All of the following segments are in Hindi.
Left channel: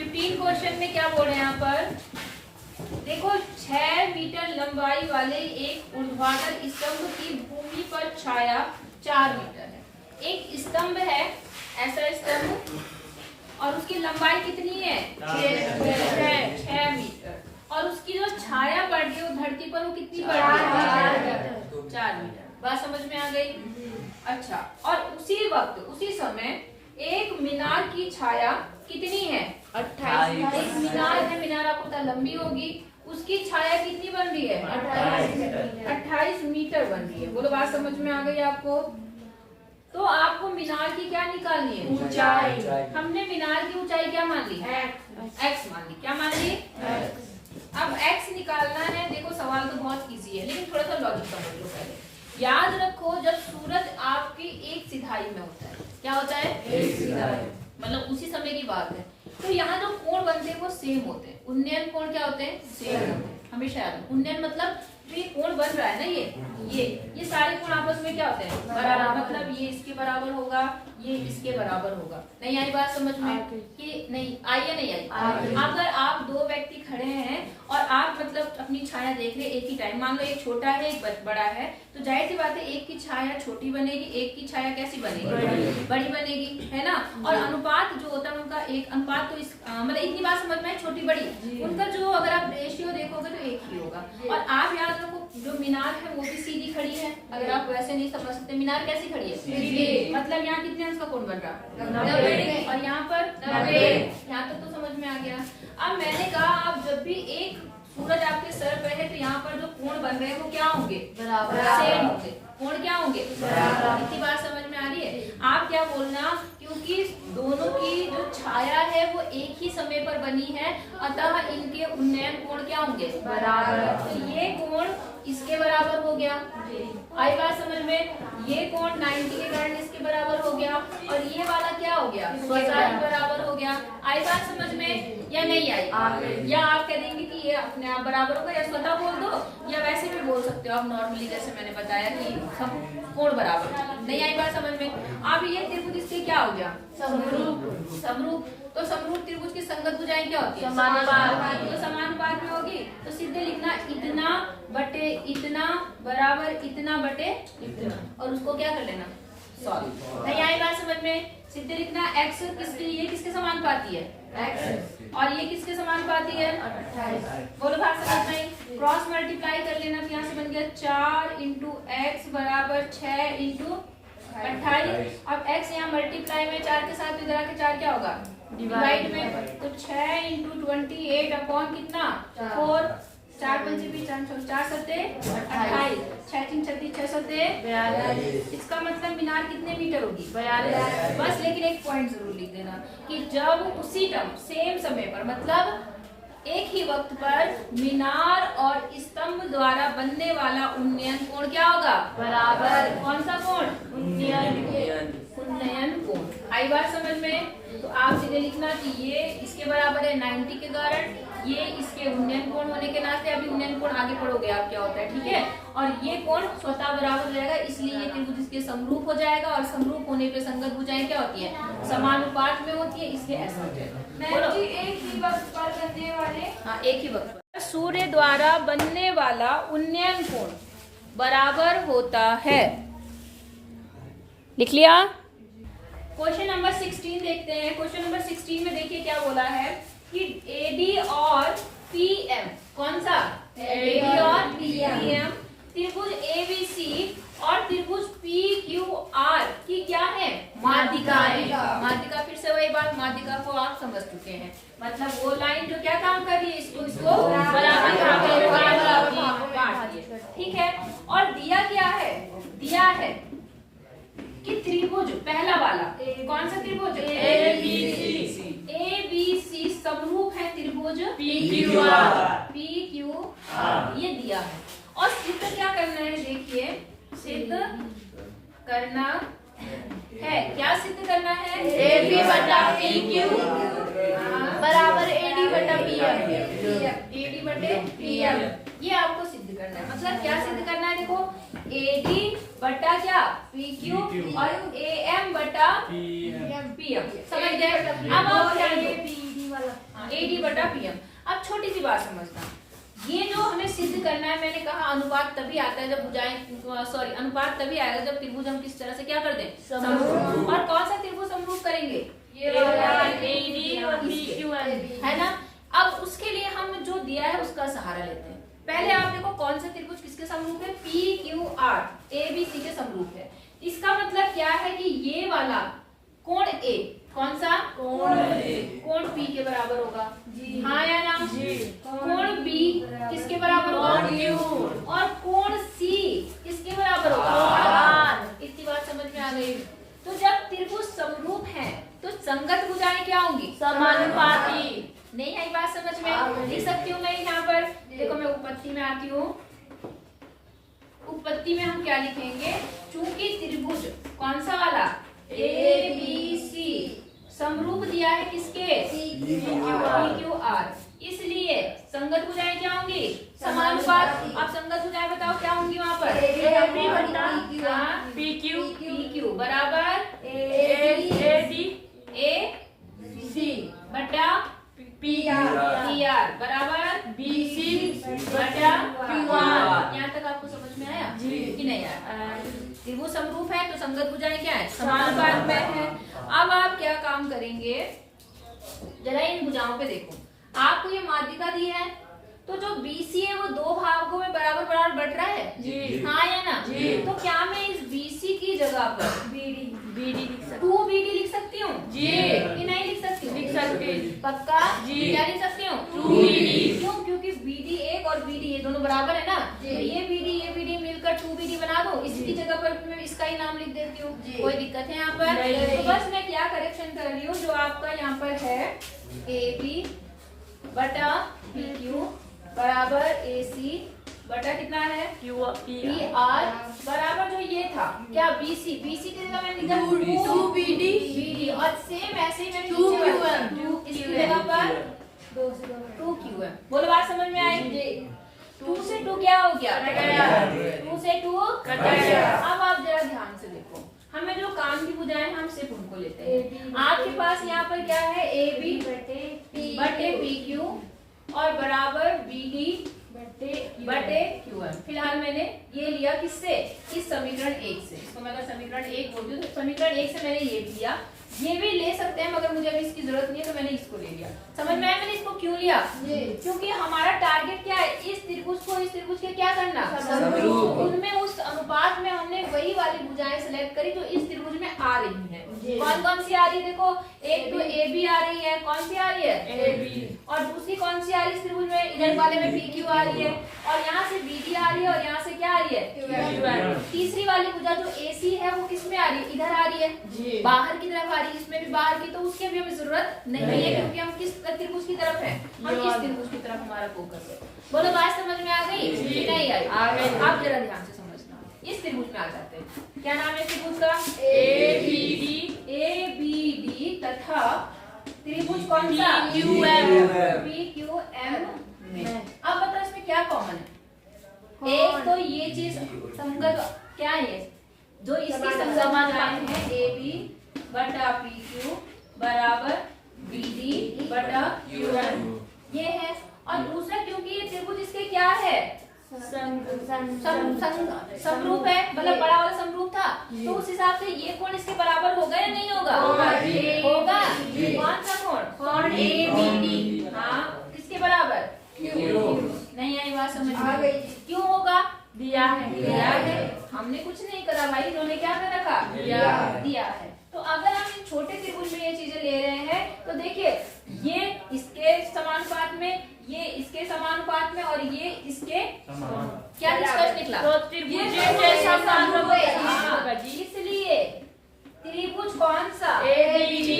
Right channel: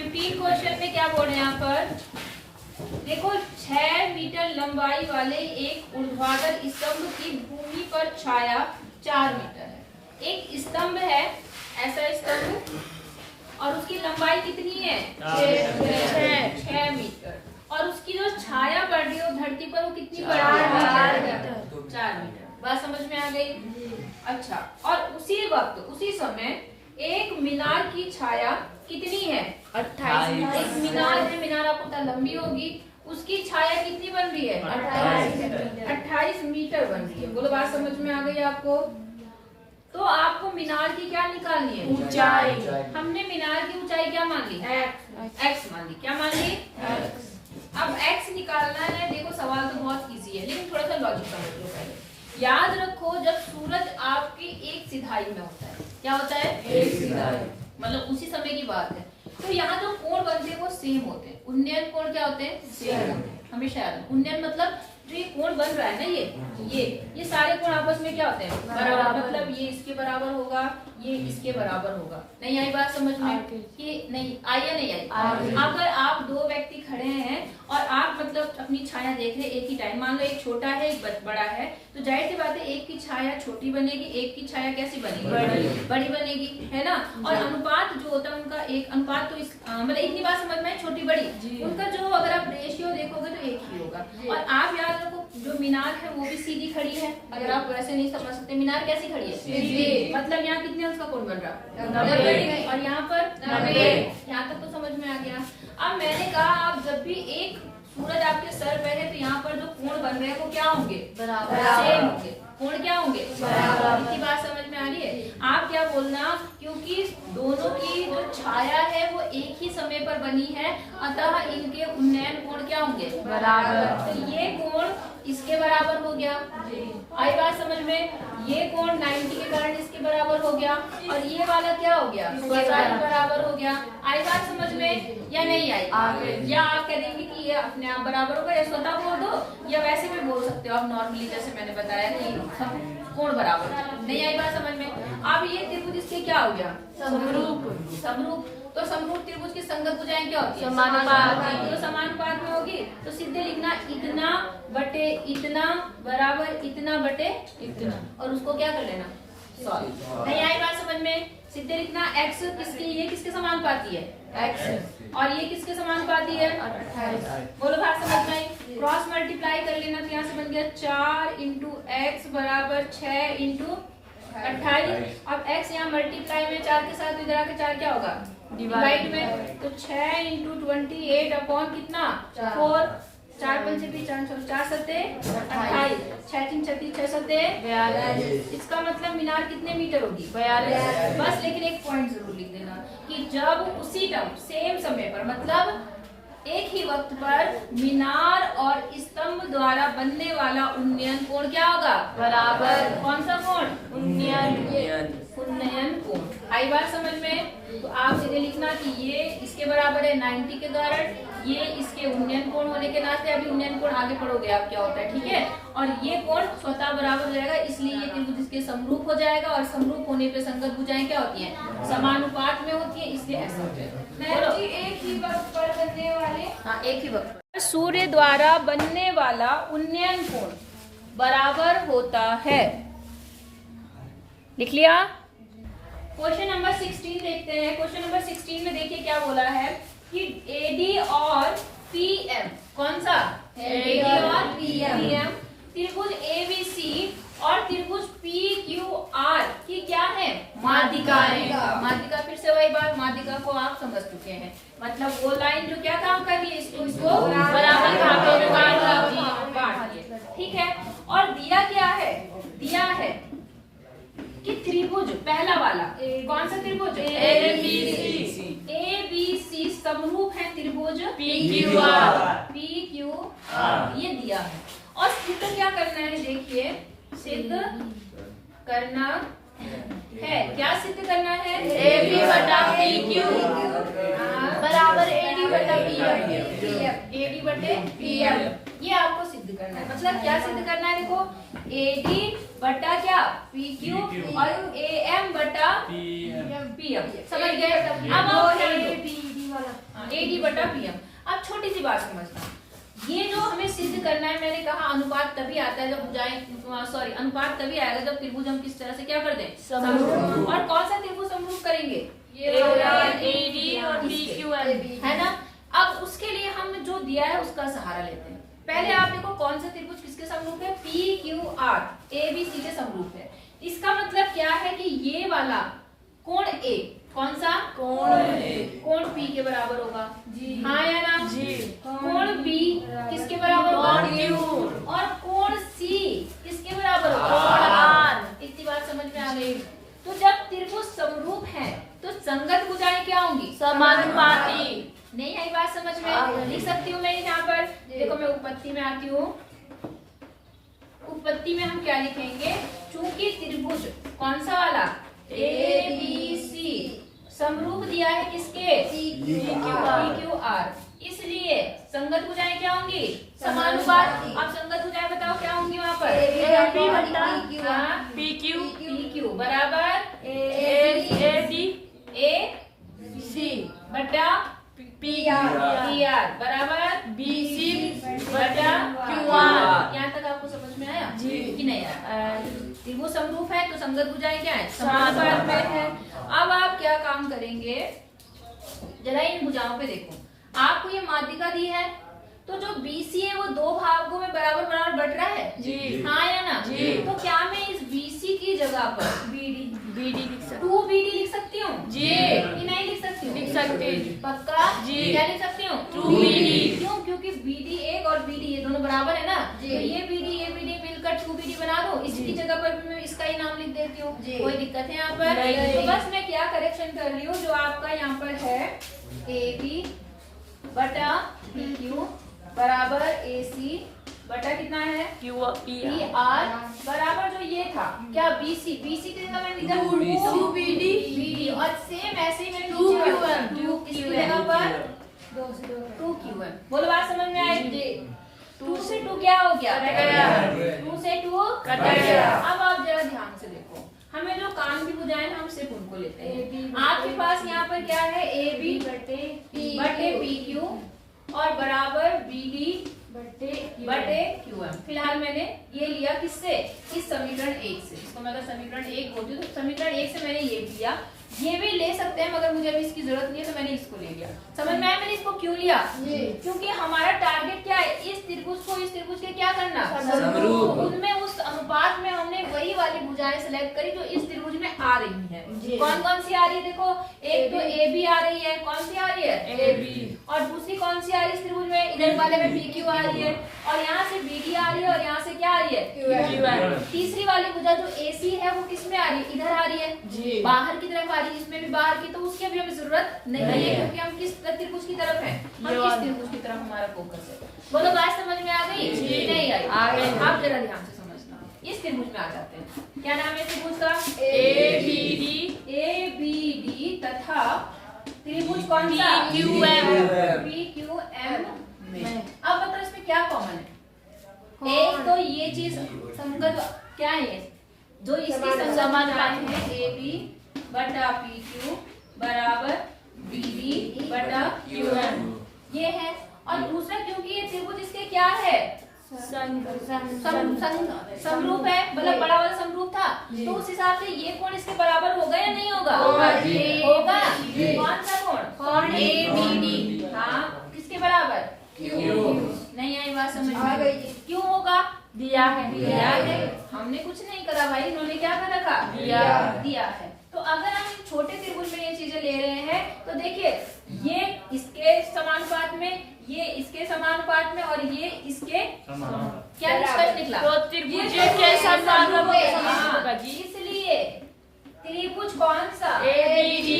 15 क्वेश्चन में क्या बोल रहे हैं यहाँ पर, देखो 6 मीटर लंबाई वाले एक ऊर्ध्वाधर स्तंभ की भूमि पर छाया 4 मीटर है। एक स्तंभ है, ऐसा स्तंभ, और उसकी लंबाई कितनी है 6 मीटर, और उसकी जो छाया पड़ रही है वो धरती पर वो कितनी पड़ रही है 4 मीटर। बात समझ में आ गई? अच्छा, और उसी वक्त उसी समय एक मीनार की छाया कितनी है 28। एक मीनार है, मीनार आपको पता लंबी होगी, उसकी छाया कितनी बन रही है 28 मीटर बन रही है। बोलो बात समझ में आ गई आपको? तो आपको मीनार की क्या निकालनी है ऊंचाई। हमने मीनार की ऊंचाई क्या मान ली x मान ली। क्या मान ली? अब x निकालना है। देखो सवाल तो बहुत इजी है लेकिन थोड़ा सा लॉजिक समझ लो पहले। याद रखो जब सूरज आपकी एक सिधाई में होता है, क्या होता है एक सिधाई, मतलब उसी समय की बात है, तो यहाँ जो कोण बनते हैं वो सेम होते हैं। उन्नयन कोण क्या होते हैं सेम होते हैं हमेशा याद। उन्नयन मतलब जो ये कोण बन रहा है ना, ये सारे कोण आपस में क्या होते हैं बराबर, मतलब ये इसके बराबर होगा, ये इसके बराबर होगा। नहीं आई बात समझ में कि नहीं आई या नहीं आई? अगर आप दो व्यक्ति खड़े हैं और आप मतलब अपनी छाया देख रहे एक ही टाइम, मान लो एक छोटा है एक बड़ा है, तो जाहिर सी बात है एक की छाया छोटी बनेगी, एक की छाया कैसी बनेगी बड़ी बनेगी, है ना। और अनुपात जो होता है उनका एक अनुपात, तो इस मतलब इतनी बात समझ में छोटी बड़ी उनका जो अगर आप रेशियो देखोगे तो एक ही होगा। और आप याद रखो जो मीनार है वो भी सीधी खड़ी है। अगर आप वैसे नहीं समझ सकते, मीनार कैसी खड़ी है सीधी, मतलब यहाँ कितने अंश का कोण बन रहा है 90, और यहाँ पर 90। यहाँ तक तो समझ में आ गया। अब मैंने कहा आप जब भी एक सूरज आपके सर पे है तो यहाँ पर जो कोण बन रहे हैं वो क्या होंगे सेम होंगे। कोण क्या होंगे इतनी बात समझ में आ रही है? आप क्या बोलना, क्योंकि दोनों की जो छाया है वो एक ही समय पर बनी है, अतः इनके उन्नयन कोण क्या होंगे बराबर। तो ये कोण इसके बराबर हो गया, आई बात समझ में? ये कोण 90 के कारण इसके बराबर हो गया, और ये वाला क्या हो गया स्वतः के बराबर हो गया। आई बात समझ में या नहीं आई? या आप कह देंगे कि ये अपने आप बराबर होगा, या स्वतः बोल दो, या वैसे भी बोल सकते हो आप नॉर्मली, जैसे मैंने बताया कि सब कोण बराबर। नहीं आई बात समझ में? अब ये त्रिभुज इसके क्या हो गया समरूप। तो समरूप त्रिभुज की संगत भुजाएं क्या होती है समानुपात। तो समानुपात में होगी तो सीधे लिखना इतना बटे इतना बराबर इतना बटे इतना, और उसको क्या कर लेना सॉल्व। नहीं आई बात समझ में? सीधे लिखना x किसके, ये किसके समानुपाती है x, और ये किसके समानुपाती है 28। बोलो बात समझ में? क्रॉस मल्टीप्लाई कर लेना, तो यहाँ से बन गया 4 इंटू एक्स बराबर 6 इंटू 28। अब x यहाँ मल्टीप्लाई में 4 के साथ इधर आके 4 क्या होगा डिवाइड में, तो 6 इंटू 28 अपॉन कितना 4, 4 पंचे 4 सत्ते 28, 6 3 36 6 सत्ते 42। इसका मतलब मीनार कितने मीटर होगी 42। बस लेकिन एक पॉइंट जरूर लिख देना कि जब उसी टाइम सेम समय पर, मतलब एक ही वक्त पर मीनार और स्तंभ द्वारा बनने वाला उन्नयन कोण क्या होगा बराबर। कौन सा कोण उन्नयन कोण। आई बात समझ में? तो आप सीधे लिखना कि ये इसके बराबर है 90 के कारण, ये इसके उन्नयन कोण होने के नाते, अभी उन्नयन कोण आगे पढ़ोगे आप क्या होता है, ठीक है। और ये कोण स्वतः बराबर हो जाएगा, इसलिए ये त्रिभुज इसके समरूप हो जाएगा, और समरूप होने पे संगत भुजाएं क्या होती है समानुपात में होती है, इसलिए ऐसा हो जाएगा। एक ही वक्त पर बनने वाले, हाँ एक ही वक्त पर सूर्य द्वारा बनने वाला उन्नयन कोण बराबर होता है। लिख लिया? क्वेश्चन नंबर 16 देखते हैं। क्वेश्चन नंबर 16 में देखिए क्या बोला है कि एडी और पीएम, कौन सा एडी और पीएम, त्रिभुज एबीसी और त्रिभुज पीक्यूआर की क्या है माध्यिकाएं। माध्यिका फिर से वही बात, माध्यिका को आप समझ चुके हैं, मतलब वो लाइन जो क्या काम कर रही है इसको बराबर काट दिए, ठीक है। और दिया क्या है, दिया है कि त्रिभुज पहला वाला कौन सा त्रिभुज एबीसी समरूप है त्रिभुज पीक्यूआर, ये दिया है। और सिद्ध क्या करना है, देखिए सिद्ध करना है, क्या सिद्ध करना है AB बटा PQ बराबर AD बटा PM, AD बटे PM, ये आपको सिद्ध करना है। मतलब क्या सिद्ध करना है, देखो AD बटा क्या PQ और AM बटा PM, समझ गए? अब आप बटा पीएम। अब छोटी सी बात समझना, ये जो हमें सिद्ध करना है, मैंने कहा अनुपात तभी आता है जब भुजाएं अनुपात तभी आएगा जब त्रिभुज हम किस तरह से क्या कर दें, समरूप। और कौन सा त्रिभुज समरूप करेंगे, ये वाला AD और PQM है ना। अब उसके लिए हम जो दिया है उसका सहारा लेते हैं। पहले आप देखो कौन सा त्रिभुज किसके समरूप है, PQR ABC के समरूप है। इसका मतलब क्या है कि ये वाला कोण A, कौन सा कोण P के बराबर होगा, हाँ या ना, कोण B किसके बराबर होगा, और कोण C किसके बराबर होगा, इतनी बात समझ में आ गई। तो जब त्रिभुज समरूप है तो संगत भुजाएं क्या होंगी, समानुपाती। नहीं आई बात समझ में, लिख सकती हूँ मैं यहाँ पर। देखो मैं उपपत्ति में आती हूँ, उपपत्ति में हम क्या लिखेंगे, चूंकि त्रिभुज कौन सा वाला ABC समरूप दिया है किसके, PQR, इसलिए संगत भुजाएं क्या होंगी, समानुपात। अब संगत भुजाएं बताओ क्या होंगी वहाँ पर, AB बटा हाँ, PQ बराबर AD AC बटा PR बराबर BC बटा QR। यहाँ तक आपको समझ में आया कि नहीं आया। त्रिभुज समरूप है तो संगत भुजाएं क्या है, समानुपात में है। अब आप क्या काम करेंगे, जरा इन भुजाओं पे देखो, आपको ये माध्यिका दी है तो जो BC है वो दो भागों में बराबर बराबर बट रहा है, हाँ या ना। तो क्या मैं इस BC की जगह पर BD लिख सकते 2BD लिख सकती हूँ कि नहीं लिख सकती हूँ, लिख सकते पक्का क्या लिख सकती हूँ, 2BD। क्यों, क्योंकि BD एक और BD ये दोनों बराबर है ना, तो ये BD मिलकर 2BD बना दो, इसकी जगह पर मैं इसका ही नाम लिख देती हूँ, कोई दिक्कत है यहाँ पर। तो बस मैं क्या करेक्शन कर रही हूँ, जो आपका यहाँ पर है AB बटा PQ बराबर AC बटा कितना है PR बराबर जो ये था क्या BC की जगह मैंने लिखा 2BD और सेम ऐसे ही मैंने 2QM इसकी जगह पर 2QM। बोलो बात समझ में आई, 2 से 2 क्या हो गया, 2 से 2 कट गया। अब आप जरा ध्यान से देखो, हमें जो काम की भुजाएं हम सिर्फ उनको लेते हैं। आपके पास यहाँ पर क्या है, AB बटे PQ और बराबर BD बटे QM। फिलहाल मैंने ये लिया किससे, इस समीकरण 1 से, इसको मैं अगर समीकरण 1 बोलती हूँ तो समीकरण 1 से मैंने ये लिया, ये भी ले सकते हैं मगर मुझे अभी इसकी जरूरत नहीं है तो मैंने इसको ले लिया। समझ में आया मैंने इसको क्यों लिया, क्योंकि हमारा टारगेट क्या है, इस त्रिभुज को इस त्रिभुज के क्या करना, उनमें उस अनुपात में हमने वही वाली भुजाएं सिलेक्ट करी जो इस त्रिभुज में आ रही है। कौन कौन सी आ रही है, देखो एक तो AB आ रही है, कौन सी आ रही है AB, और दूसरी कौन सी आ रही है इस त्रिभुज में, इधर वाले में PQ आ रही है, और यहाँ से BD आ रही है, और यहाँ से क्या आ रही है तीसरी वाली भुजा जो AC है वो किस में आ रही है, इधर आ रही है, बाहर की तरफ आ रही है, इसमें भी बाहर की, तो उसकी अभी हमें जरूरत नहीं है क्योंकि हम किस त्रिभुज की तरफ है, हम किस त्रिभुज की तरफ हमारा फोकस है। बोलो बात समझ में आ गई, नहीं आई, आप जरा ध्यान से समझना। इस त्रिभुज में आ जाते हैं, क्या नाम है त्रिभुज का, ABD तथा त्रिभुज कौन सा, PQM में। अब बताओ इसमें क्या कॉमन है, एक तो ये चीज संगत क्या है, जो इसकी संगत मात्राएं हैं AB बटा PQ बराबर BD बटा QM ये है, और दूसरा क्योंकि ये त्रिभुज इसके क्या है, समरूप है, मतलब बड़ा वाला समरूप था, तो उस हिसाब से ये कोण इसके बराबर होगा या नहीं होगा, होगा। कौन सा कोण, ABD, हाँ किसके बराबर, नहीं आई बात समझ में, क्यों होगा, दिया है, हमने कुछ नहीं करा भाई, इन्होंने क्या कर रखा, दिया है। तो अगर हम इन छोटे त्रिभुज में ये चीजें ले रहे हैं तो देखिए ये इसके समानुपात में, ये इसके समानुपात में, और ये इसके क्या निष्कर्ष निकला, इसलिए त्रिभुज कौन सा, ABD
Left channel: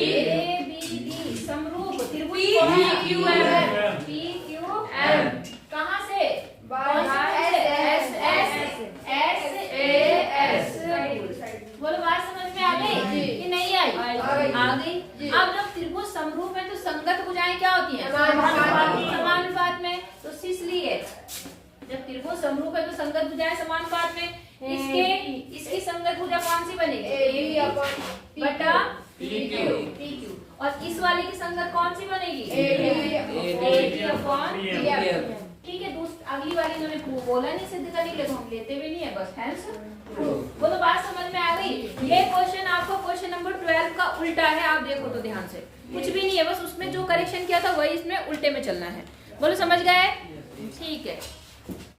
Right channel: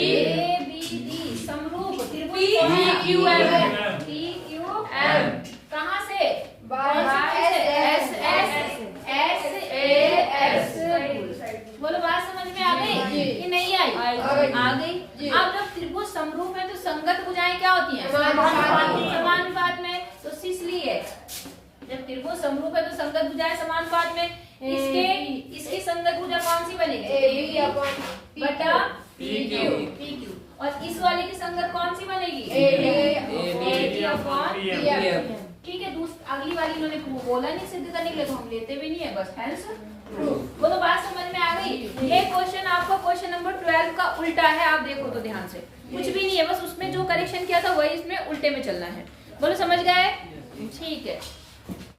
समरूप त्रिभुज PQM कहाँ से, बोलो बात समझ में आ गई कि नहीं आई, आ गई। अब जब त्रिभुज समरूप है तो संगत भुजाएं क्या होती हैं, समानुपात में, तो इसलिए जब त्रिभुज समरूप है तो संगत भुजाएं समानुपात में, इसकी संगत भुजा कौन सी बनेगी, AB बटा PQ, और इस वाले की संगत कौन सी बनेगी, अपॉन ठीक है। अगली वाली इन्होंने बोला नहीं सिद्ध करने के लिए, तो हम लेते भी नहीं है, बस हेंस वो तो बात समझ में आ गई। ये क्वेश्चन आपका क्वेश्चन नंबर 12 का उल्टा है, आप देखो तो ध्यान से, कुछ भी नहीं है, बस उसमें जो करेक्शन किया था वही इसमें उल्टे में चलना है। बोलो समझ गए? ठीक है।